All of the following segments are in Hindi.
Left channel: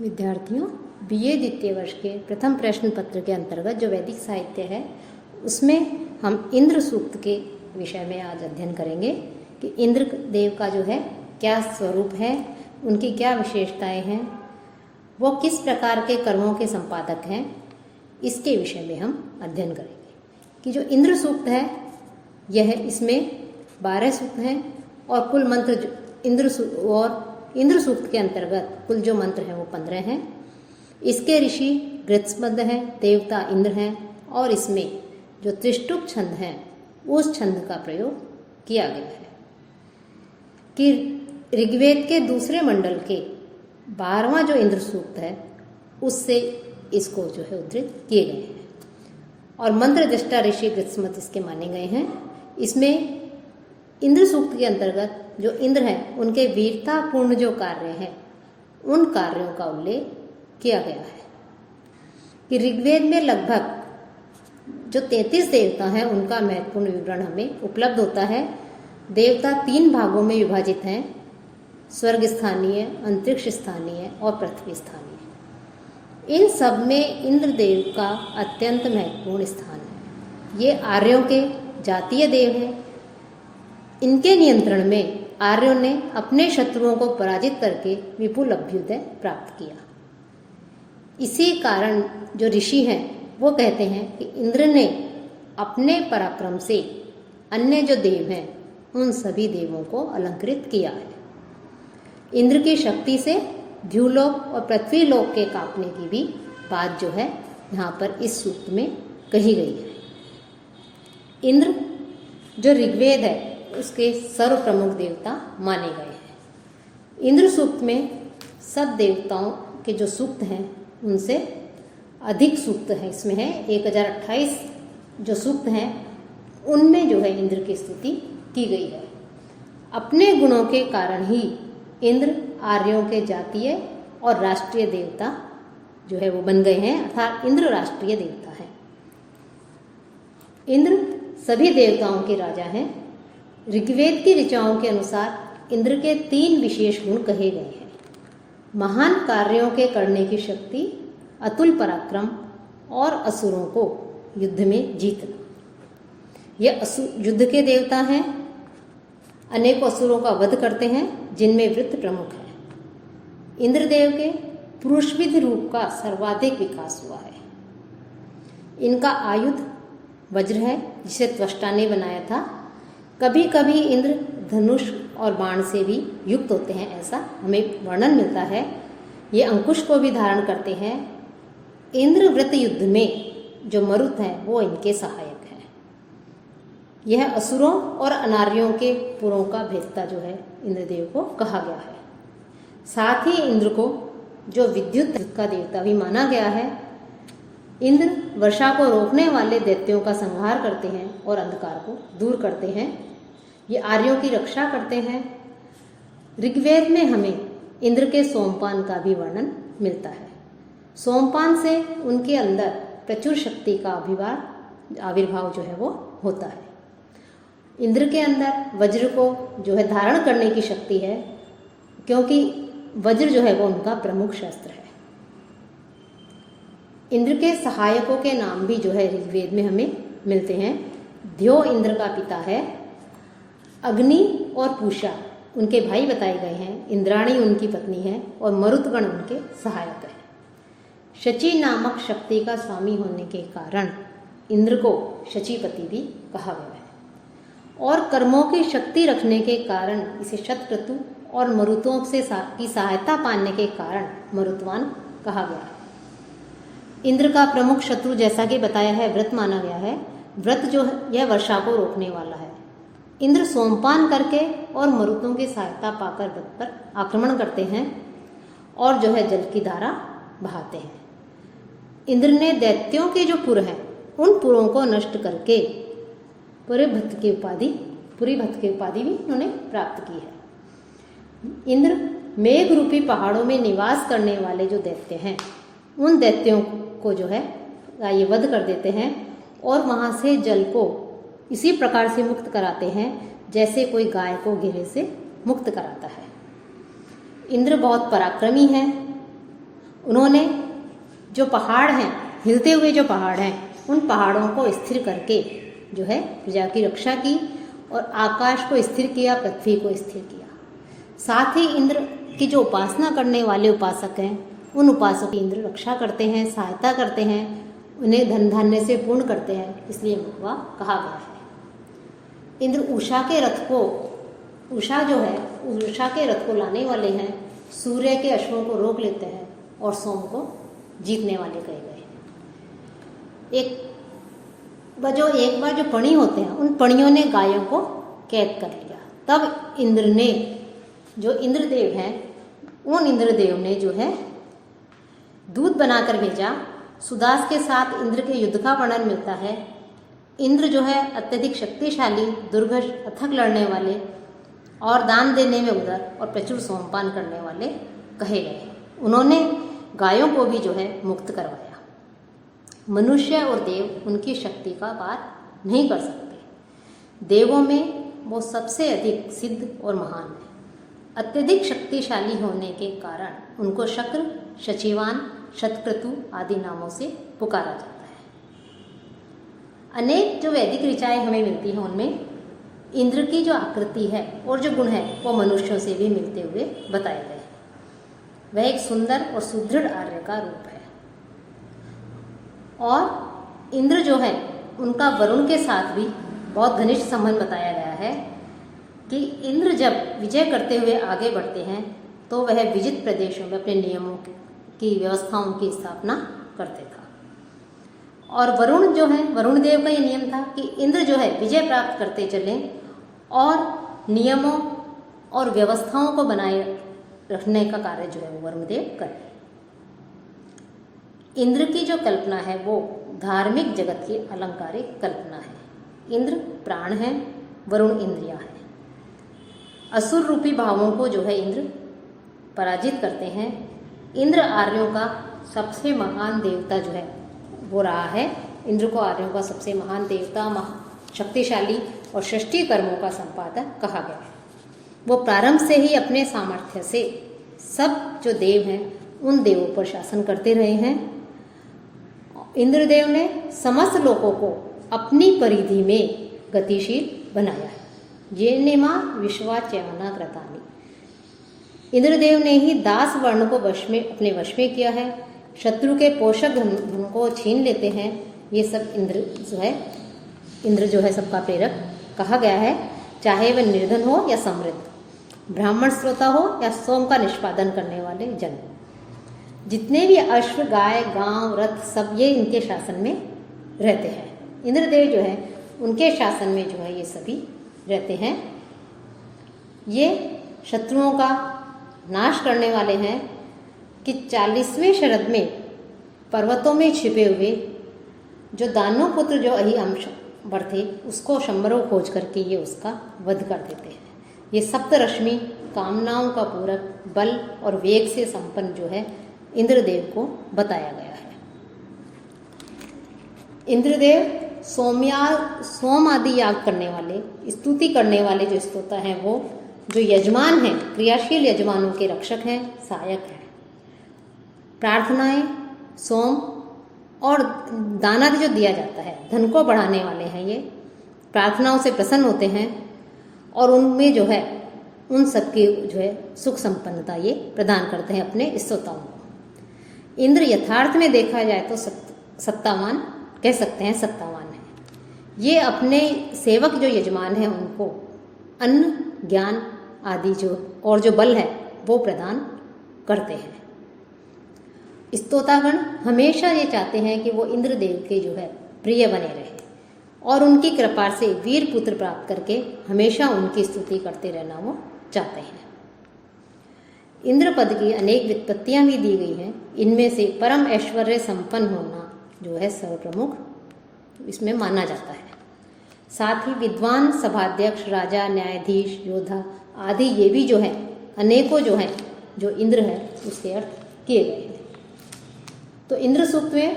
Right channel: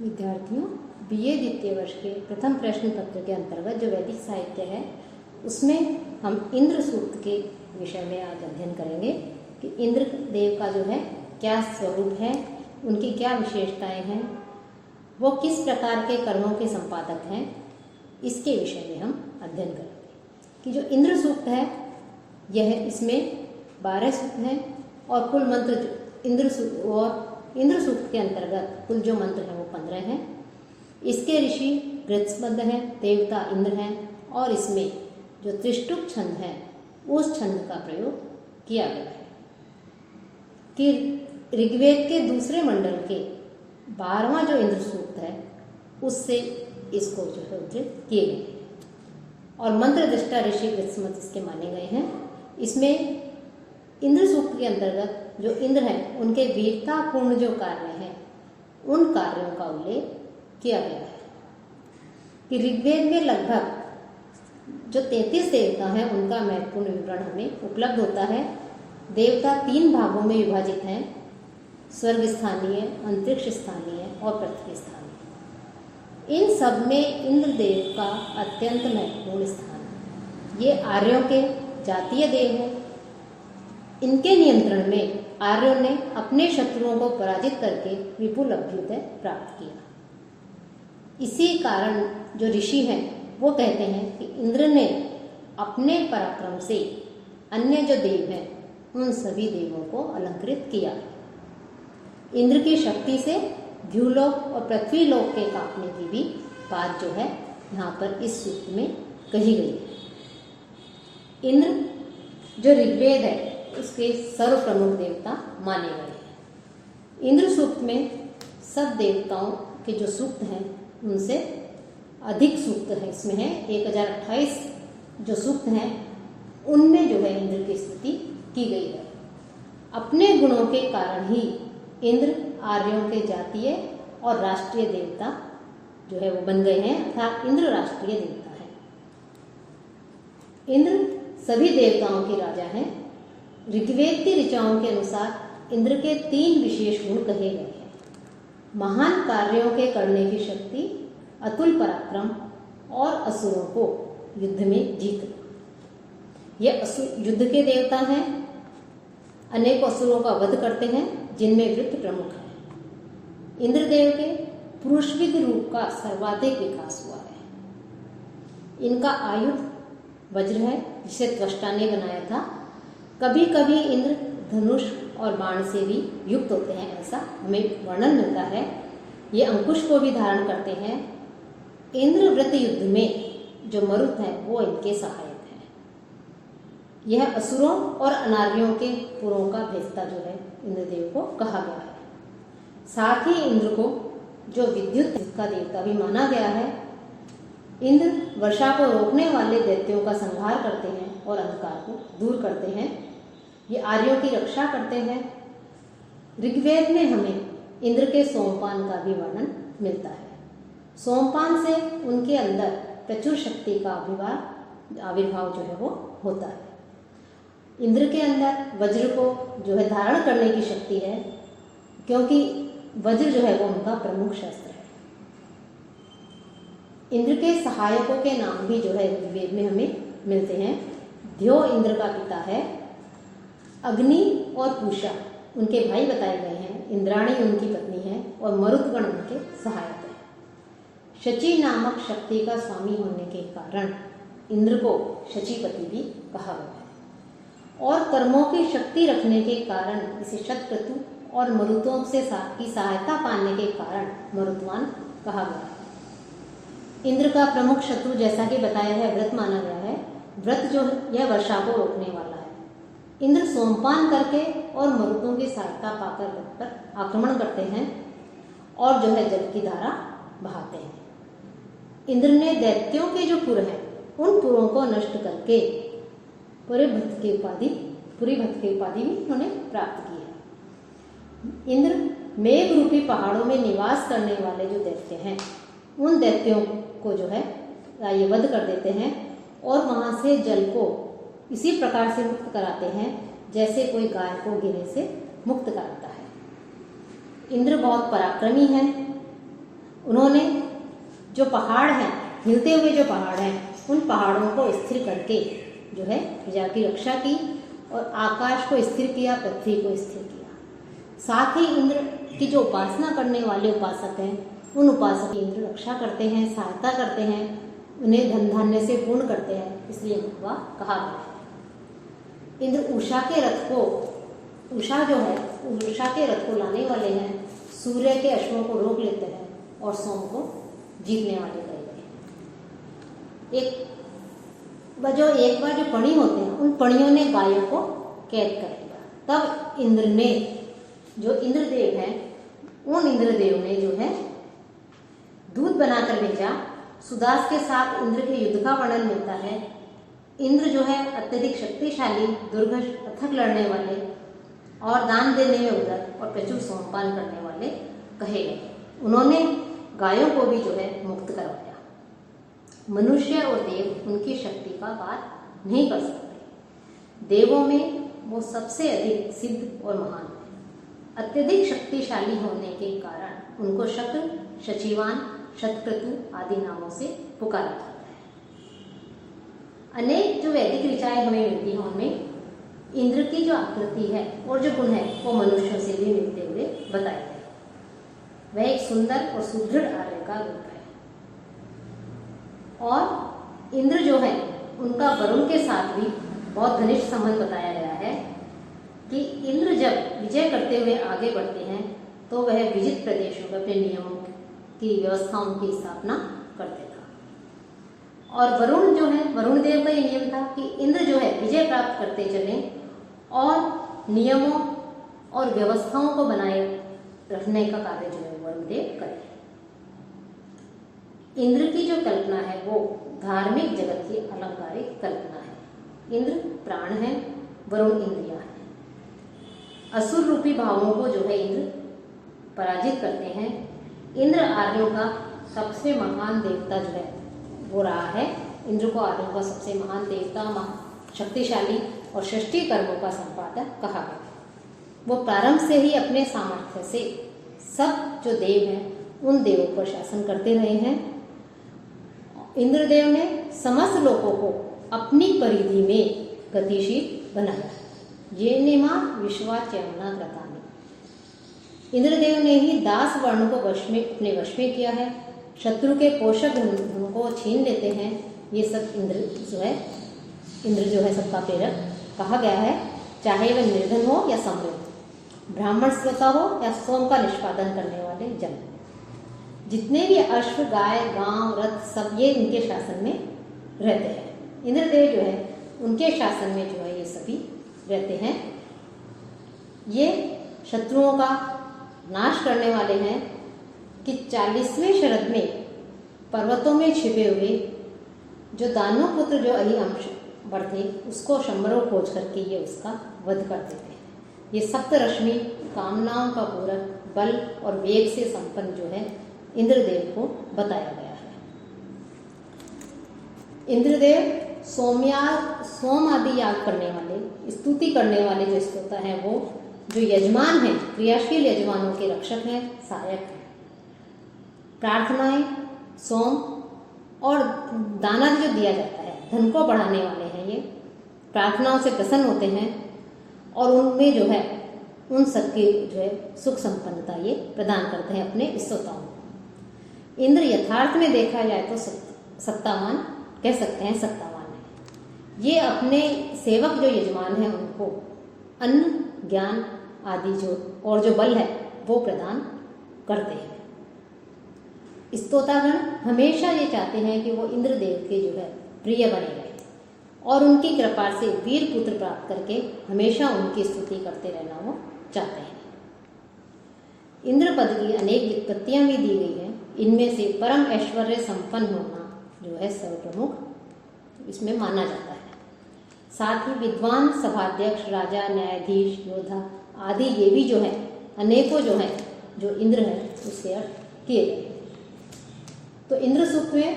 विद्यार्थियों, बीए द्वितीय वर्ष के प्रथम प्रश्न पत्र के अंतर्गत जो वैदिक साहित्य है उसमें हम इंद्र सूक्त के विषय में आज अध्ययन करेंगे कि इंद्र देव का जो है क्या स्वरूप है, उनकी क्या विशेषताएं हैं, वो किस प्रकार के कर्मों के संपादक हैं, इसके विषय में हम अध्ययन करेंगे। कि जो इंद्र सूक्त है यह इसमें 12 सूक्त हैं और कुल मंत्र इंद्र सूक्त के अंतर्गत कुल जो मंत्र हैं वो 15 हैं। इसके ऋषि गृत्समद हैं, देवता इंद्र हैं और इसमें जो त्रिष्टुप छंद है उस छंद का प्रयोग किया गया है। कि ऋग्वेद के दूसरे मंडल के 12वां जो इंद्र सूक्त है उससे इसको जो है उद्धृत किए गए हैं और मंत्र दृष्टा ऋषि गृत्समद इसके माने गए हैं। इसमें इंद्र सूक्त के अंतर्गत जो इंद्र हैं उनके वीरतापूर्ण जो कार्य हैं उन कार्यों का उल्लेख किया गया है। कि ऋग्वेद में लगभग जो 33 देवता हैं उनका महत्वपूर्ण विवरण हमें उपलब्ध होता है। देवता 3 भागों में विभाजित हैं: स्वर्ग स्थानीय, अंतरिक्ष स्थानीय और पृथ्वी स्थानीय। इन सब में इंद्र देव का अत्यंत महत्वपूर्ण स्थान है। ये आर्यों के जातीय देव हैं। इनके नियंत्रण में आर्यों ने अपने शत्रुओं को पराजित करके विपुल अभ्युदय प्राप्त किया। इसी कारण जो ऋषि हैं वो कहते हैं कि इंद्र ने अपने पराक्रम से अन्य जो देव हैं उन सभी देवों को अलंकृत किया है। इंद्र की शक्ति से द्युलोक और पृथ्वीलोक के कांपने की भी बात जो है यहाँ पर इस सूक्त में कही गई है। इंद्र जो ऋग्वेद है उसके सर्व प्रमुख देवता माने गए हैं। इंद्र सूक्त में सब देवताओं के जो सूक्त हैं उनसे अधिक सूक्त है। इसमें है 1028 जो सूक्त हैं उनमें जो है इंद्र की स्तुति की गई है। अपने गुणों के कारण ही इंद्र आर्यों के जातीय और राष्ट्रीय देवता जो है वो बन गए हैं, अर्थात इंद्र राष्ट्रीय देवता है। इंद्र सभी देवताओं के राजा हैं। ऋग्वेद की ऋचाओं के अनुसार इंद्र के 3 विशेष गुण कहे गए हैं: महान कार्यों के करने की शक्ति, अतुल पराक्रम और असुरों को युद्ध में जीतना। ये युद्ध के देवता हैं, अनेक असुरों का वध करते हैं जिनमें वृत्र प्रमुख है। इंद्रदेव के पुरुषविद रूप का सर्वाधिक विकास हुआ है। इनका आयुध वज्र है जिसे त्वष्टा ने बनाया था। कभी कभी इंद्र धनुष और बाण से भी युक्त होते हैं, ऐसा हमें वर्णन मिलता है। ये अंकुश को भी धारण करते हैं। इंद्रवृत्त युद्ध में जो मरुत है वो इनके सहायक है। यह असुरों और अनार्यों के पुरों का भेदता जो है इंद्रदेव को कहा गया है। साथ ही इंद्र को जो विद्युत का देवता भी माना गया है। इंद्र वर्षा को रोकने वाले दैत्यों का संहार करते हैं और अंधकार को दूर करते हैं। ये आर्यों की रक्षा करते हैं। ऋग्वेद में हमें इंद्र के सोमपान का भी वर्णन मिलता है। सोमपान से उनके अंदर प्रचुर शक्ति का आविर्भाव जो है वो होता है। इंद्र के अंदर वज्र को जो है धारण करने की शक्ति है, क्योंकि वज्र जो है वो उनका प्रमुख शस्त्र है। इंद्र के सहायकों के नाम भी जो है ऋग्वेद में हमें मिलते हैं। द्यो इंद्र का पिता है, अग्नि और पूषा उनके भाई बताए गए हैं, इंद्राणी उनकी पत्नी है और मरुतगण उनके सहायक है। शची नामक शक्ति का स्वामी होने के कारण इंद्र को शचीपति भी कहा गया है और कर्मों की शक्ति रखने के कारण इसे शतक्रतु और मरुतों से की सहायता पाने के कारण मरुतवान कहा गया है। इंद्र का प्रमुख शत्रु जैसा कि बताया है व्रत माना गया है। व्रत जो है यह वर्षा को रोकने वाला है। इंद्र सोमपान करके और मरुतों की सहायता पाकर व्रत पर आक्रमण करते हैं और जो है जल की धारा बहाते हैं। इंद्र ने दैत्यों के जो पुर हैं उन पुरों को नष्ट करके पुरी भक्त की उपाधि भी उन्होंने प्राप्त की है। इंद्र मेघ रूपी पहाड़ों में निवास करने वाले जो दैत्य हैं उन दैत्यों को जो है ये वध कर देते हैं और वहाँ से जल को इसी प्रकार से मुक्त कराते हैं जैसे कोई गाय को घेरे से मुक्त कराता है। इंद्र बहुत पराक्रमी है उन्होंने जो पहाड़ हैं, हिलते हुए जो पहाड़ हैं, उन पहाड़ों को स्थिर करके जो है प्रजा की रक्षा की और आकाश को स्थिर किया, पृथ्वी को स्थिर किया। साथ ही इंद्र की जो उपासना करने वाले उपासक हैं, उन उपासकों की इंद्र रक्षा करते हैं, सहायता करते हैं, उन्हें धन धान्य से पूर्ण करते हैं, इसलिए वह कहा गया है। इंद्र उषा के रथ को, उषा जो है उषा के रथ को लाने वाले हैं, सूर्य के अश्वों को रोक लेते हैं और सोम को जीतने वाले कहे गए। एक बार जो पणी होते हैं, उन पणियों ने गायों को कैद कर लिया। तब इंद्र ने, जो इंद्रदेव हैं, उन इंद्रदेव ने जो है दूत बनाकर भेजा। सुदास के साथ इंद्र के युद्ध का वर्णन मिलता है। इंद्र जो है अत्यधिक शक्तिशाली, दुर्गश, अथक लड़ने वाले और दान देने में उदार और प्रचुर सोमपान करने वाले कहे गए। उन्होंने गायों को भी जो है मुक्त करवाया। मनुष्य और देव उनकी शक्ति का पार नहीं कर सकते। देवों में वो सबसे अधिक सिद्ध और महान है। अत्यधिक शक्तिशाली होने के कारण उनको शक्र, शचिवान, शतक्रतु आदि नामों से पुकारा जाता है। अनेक जो वैदिक ऋचाएं हमें मिलती हैं, उनमें इंद्र की जो आकृति है और जो गुण है वो मनुष्यों से भी मिलते हुए बताए गए। वह एक सुंदर और सुदृढ़ आर्य का रूप है। और इंद्र जो है उनका वरुण के साथ भी बहुत घनिष्ठ संबंध बताया गया है कि इंद्र जब विजय करते हुए आगे बढ़ते हैं तो वह विजित प्रदेशों में अपने नियमों की व्यवस्थाओं की स्थापना करते था। और वरुण जो है, वरुण देव का ये नियम था कि इंद्र जो है विजय प्राप्त करते चले और नियमों और व्यवस्थाओं को बनाए रखने का कार्य जो है वरुण देव करें। इंद्र की जो कल्पना है वो धार्मिक जगत की अलंकारिक कल्पना है। इंद्र प्राण है, वरुण इंद्रियां हैं। असुर रूपी भावों को जो है इंद्र पराजित करते हैं। इंद्र आर्यों का सबसे महान देवता जो है वो रहा है। इंद्र को आर्यों का सबसे महान देवता, शक्तिशाली और षष्ठी कर्मों का संपादक कहा गया है। वो प्रारंभ से ही अपने सामर्थ्य से सब जो देव हैं उन देवों पर शासन करते रहे हैं। इंद्रदेव ने समस्त लोगों को अपनी परिधि में गतिशील बनाया। ये नेमा विश्वाच्यवना कृतानि। इंद्रदेव ने ही दास वर्ण को अपने वश में किया है। शत्रु के पोषक धन को छीन लेते हैं। ये सब इंद्र जो है सबका प्रेरक कहा गया है। चाहे वह निर्धन हो या समृद्ध, ब्राह्मण श्रोता हो या सोम का निष्पादन करने वाले जन, जितने भी अश्व, गाय, गांव, रथ सब ये इनके शासन में रहते हैं। इंद्रदेव जो है उनके शासन में जो है ये सभी रहते हैं। ये शत्रुओं का नाश करने वाले हैं कि 40वें शरद में पर्वतों में छिपे हुए जो दानव पुत्र जो अहिअंश थे उसको शंबरों खोज करके ये उसका वध कर देते हैं। ये सप्तरश्मि कामनाओं का पूरक, बल और वेग से संपन्न जो है इंद्रदेव को बताया गया है। इंद्रदेव सोम आदि याग करने वाले, स्तुति करने वाले जो स्तोता हैं वो जो यजमान हैं, क्रियाशील यजमानों के रक्षक हैं, सहायक हैं। प्रार्थनाएं, सोम और दान आदि जो दिया जाता है, धन को बढ़ाने वाले हैं। ये प्रार्थनाओं से प्रसन्न होते हैं और उनमें जो है उन सबकी जो है सुख संपन्नता ये प्रदान करते हैं अपने स्तोताओं को। इंद्र यथार्थ में देखा जाए तो सत्तावान कह सकते हैं, सत्तावान है। ये अपने सेवक जो यजमान हैं उनको अन्न, ज्ञान आदि जो और जो बल है वो प्रदान करते हैं। स्तोतागण हमेशा ये चाहते हैं कि वो इंद्रदेव के जो है प्रिय बने रहे और उनकी कृपा से वीर पुत्र प्राप्त करके हमेशा उनकी स्तुति करते रहना वो चाहते हैं। इंद्र पद की अनेक व्युत्पत्तियां भी दी गई हैं। इनमें से परम ऐश्वर्य संपन्न होना जो है सर्वप्रमुख इसमें माना जाता है। साथ ही विद्वान, सभाध्यक्ष, राजा, न्यायाधीश, योद्धा आदि ये भी जो है अनेकों जो है जो इंद्र है उसके अर्थ किए गए हैं। तो इंद्र सूक्त में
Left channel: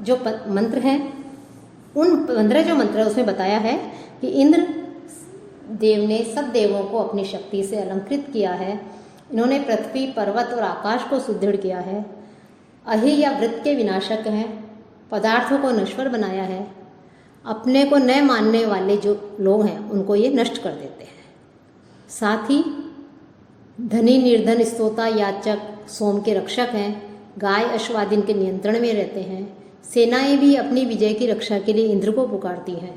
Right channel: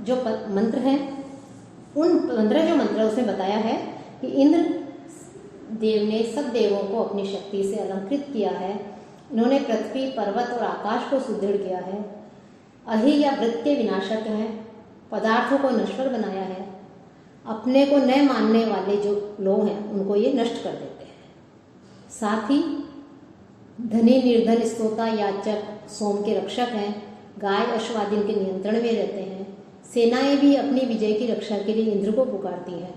जो मंत्र हैं उन 15 जो मंत्र है उसमें बताया है कि इंद्र देव ने सब देवों को अपनी शक्ति से अलंकृत किया है। इन्होंने पृथ्वी, पर्वत और आकाश को सुदृढ़ किया है। अहि या वृत्त के विनाशक हैं, पदार्थों को नश्वर बनाया है, अपने को न मानने वाले जो लोग हैं उनको ये नष्ट कर देते हैं। साथ ही धनी निर्धन स्तोता याचक सोम के रक्षक हैं, गाय अश्वादीन के नियंत्रण में रहते हैं, सेनाएं भी अपनी विजय की रक्षा के लिए इंद्र को पुकारती हैं।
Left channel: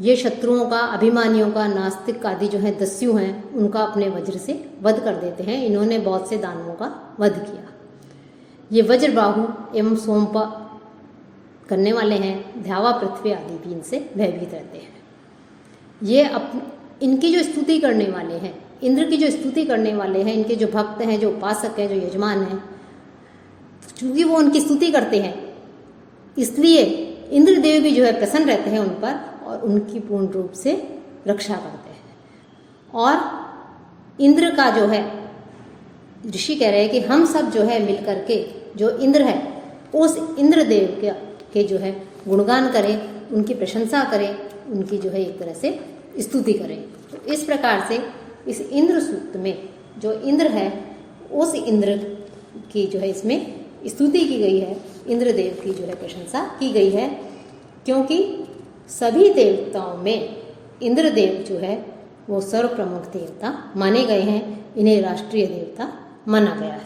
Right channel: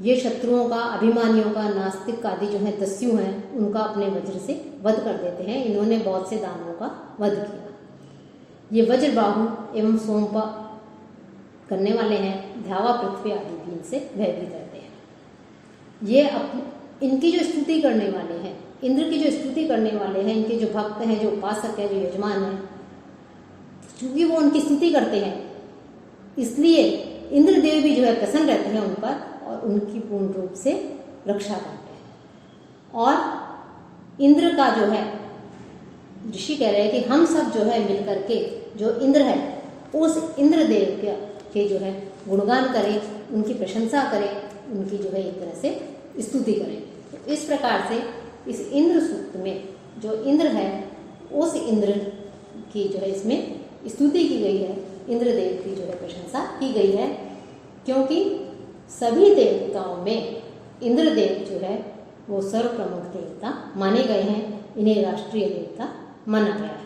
ये शत्रुओं का, अभिमानियों का, नास्तिक आदि जो है दस्यु हैं उनका अपने वज्र से वध कर देते हैं। इन्होंने बहुत से दानवों का वध किया। ये वज्रबाहु एवं सोमपा करने वाले हैं, ध्यावा पृथ्वी आदि भी इनसे भयभीत रहते हैं। ये इनकी जो स्तुति करने वाले हैं, इंद्र की जो स्तुति करने वाले हैं, इनके जो भक्त हैं, जो उपासक हैं, जो यजमान हैं, चूंकि वो उनकी स्तुति करते हैं इसलिए इंद्रदेव भी जो है प्रसन्न रहते हैं उन पर और उनकी पूर्ण रूप से रक्षा करते हैं। और इंद्र का जो है, ऋषि कह रहे हैं कि हम सब जो है मिलकर के जो इंद्र है उस इंद्रदेव के जो है गुणगान करें, उनकी प्रशंसा करें, उनकी जो है एक तरह से स्तुति करें। तो इस प्रकार से इस इंद्र सूक्त में जो इंद्र है उस इंद्र की जो है इसमें स्तुति की गई है, इंद्रदेव की जो है प्रशंसा की गई है, क्योंकि सभी देवताओं में इंद्रदेव जो है वो सर्व प्रमुख देवता माने गए हैं। इन्हें राष्ट्रीय देवता माना गया है।